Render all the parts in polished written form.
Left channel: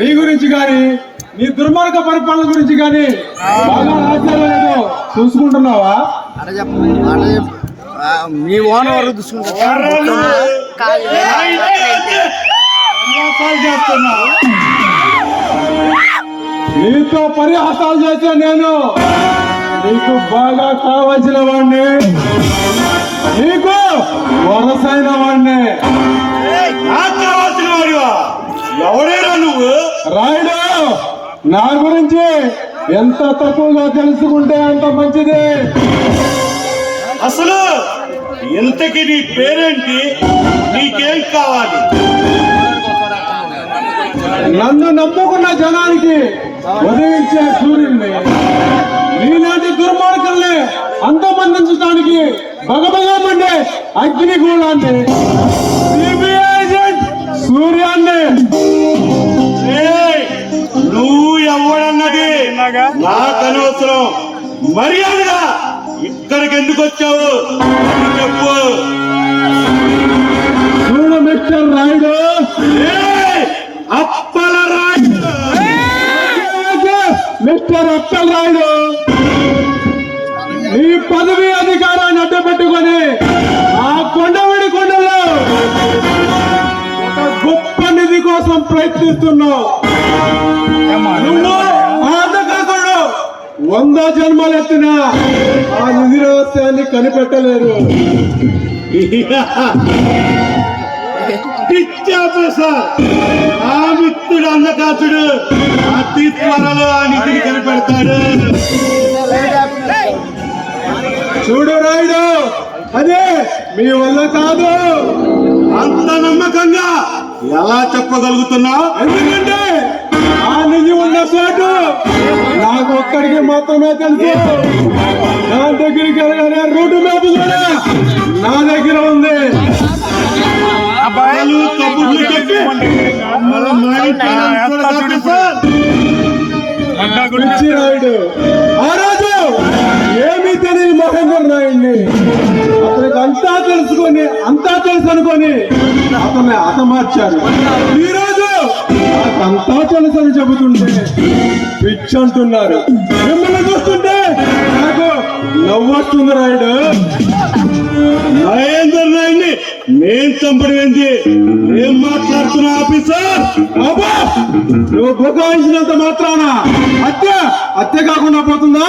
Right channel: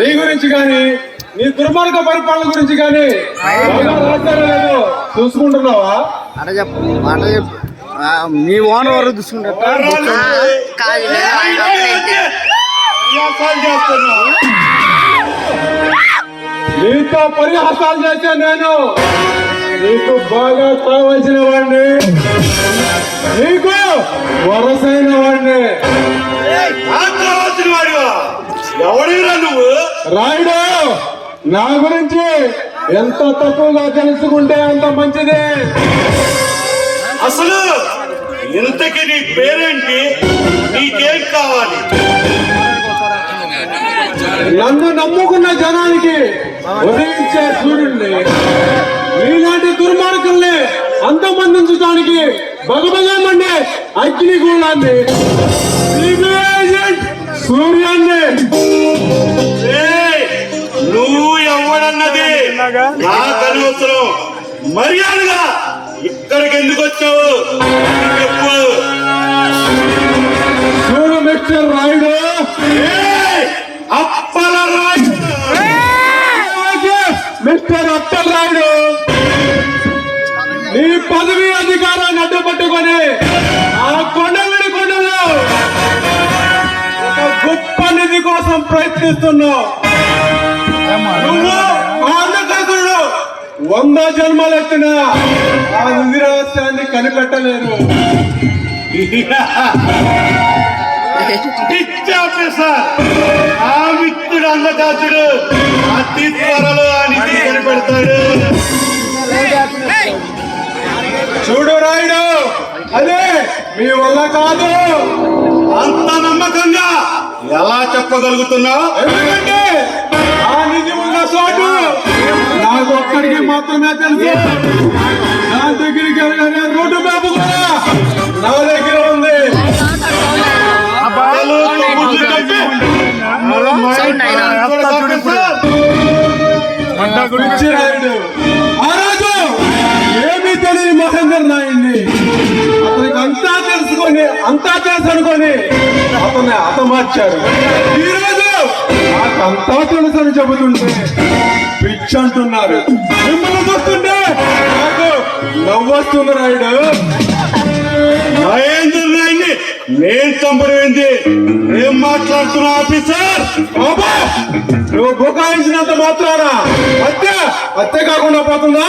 నీ గురించి కానీ నీ దుర్మార్గ పరిపాలన గురించి కానీ బాగా రాజ్యాలు లేదో చూసుకుంటున్నావా? మీ ఓన్ వరకు చూసుకుంటారు. నీతో పరిహాసాలు చేసే నేను నీకు బాగా కావలసిన వాడిని, నీకు వరసైన వాడిని. ఎవడేరా నువ్వు? రాయుడు, నా గురించి ఎంత తక్కువగా తెలుసుకుంటే అంత మంచిది. అసలు ఇంతకి నీ పేరేంటి? నీకేం కావాలి? నన్ను నమ్ముకున్న జనానికి ఉదయించే సూర్యుడిని, నీలాంటి దుర్మార్గుల్ని అంతమందించడానికి భగభగమండే అగ్నిగూడాన్ని, సూర్యాన్ని. నువ్వు ఎవడన్నది నాకు అనవసరం. మర్యాదగా ఇక్కడికి ఎందుకు వచ్చావు చెప్పు. చూడు మిస్టర్ రాయుడు, అప్పల రాయుడు, మిస్టర్ అప్పల్ రాయుడు, నీ పదవి అధికారాన్ని అడ్డపట్టుకొని ఆ కొండవిడి కొండలో ఒక గొప్ప నిధి కోసం ప్రయత్నిస్తున్నావు. నువ్వు ఆంధ్రప్రదేశ్లో 100 జన్మలు ఎత్తిన ఆ నిధి రహస్యాన్ని కనిపెట్టలేరు. ఆ మిత్రుడు అన్నదాసుడు అతి త్వరలో ఆ నిధి కనిపెడతాడు. చూడు రాయుడు, అదే మీ వల్ల కాదు. అంత నమ్మకంగా ఎలా చెప్పగలుగుతున్నావు? ఎందుకంటే ఆ నిధి ఉన్న చోటు నాకు ఒక్కడికి మాత్రమే తెలుసు. దాని దగ్గరికి వెళ్ళే రూటు మ్యాప్ కూడా నా దగ్గర ఉంది. రాయుడు ఆ రోజు ఏమీ తెలియని మహేందర్ నాయుడిని అతనికి అంతా తెలుసు అనుకొని అతన్ని హతమార్చాడు. ఈ రోజు అంతా తెలుసు అని చెబుతుంటే పిచ్చి అంటున్నారు. మిమ్మల్ని చూస్తుంటే నాకు నవ్వొస్తుంది. రాయుడు, మహేందర్ నాయుడిని నేను చంపడమేంటి? ఏం మాట్లాడుతున్నా ఆఫీసర్? బాబా, నువ్వు బుకాయించినంత మాత్రాన హత్య కాకుండా పోతుందా?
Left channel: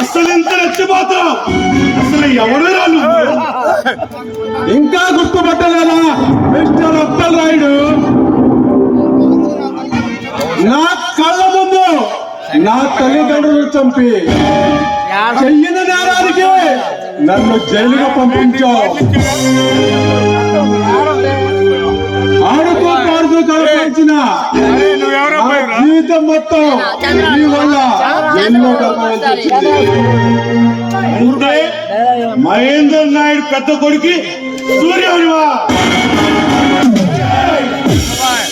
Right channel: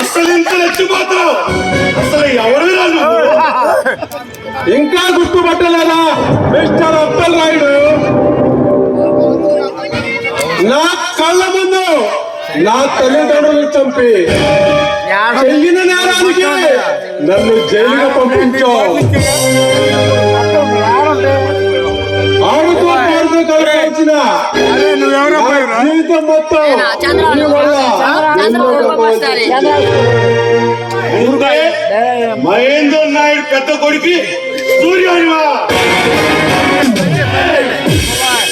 అసలు ఇంత రెచ్చిపోతావు? అసలు ఎవరు ఇంకా గుర్తుపట్టలేదా మిస్టర్ అప్పల్ రాయుడు? నా కళ్ళ ముందు నా తల్లిదండ్రులు చంపి చెయ్యిన నేరానికి నన్ను జైలుగా పంపించావు. ఆడుతూ కల్పించిన జీవితం మొత్తం నీ వల్ల మహేందర్ నాయుడు పెద్ద కొడుకు సూర్యుడివా?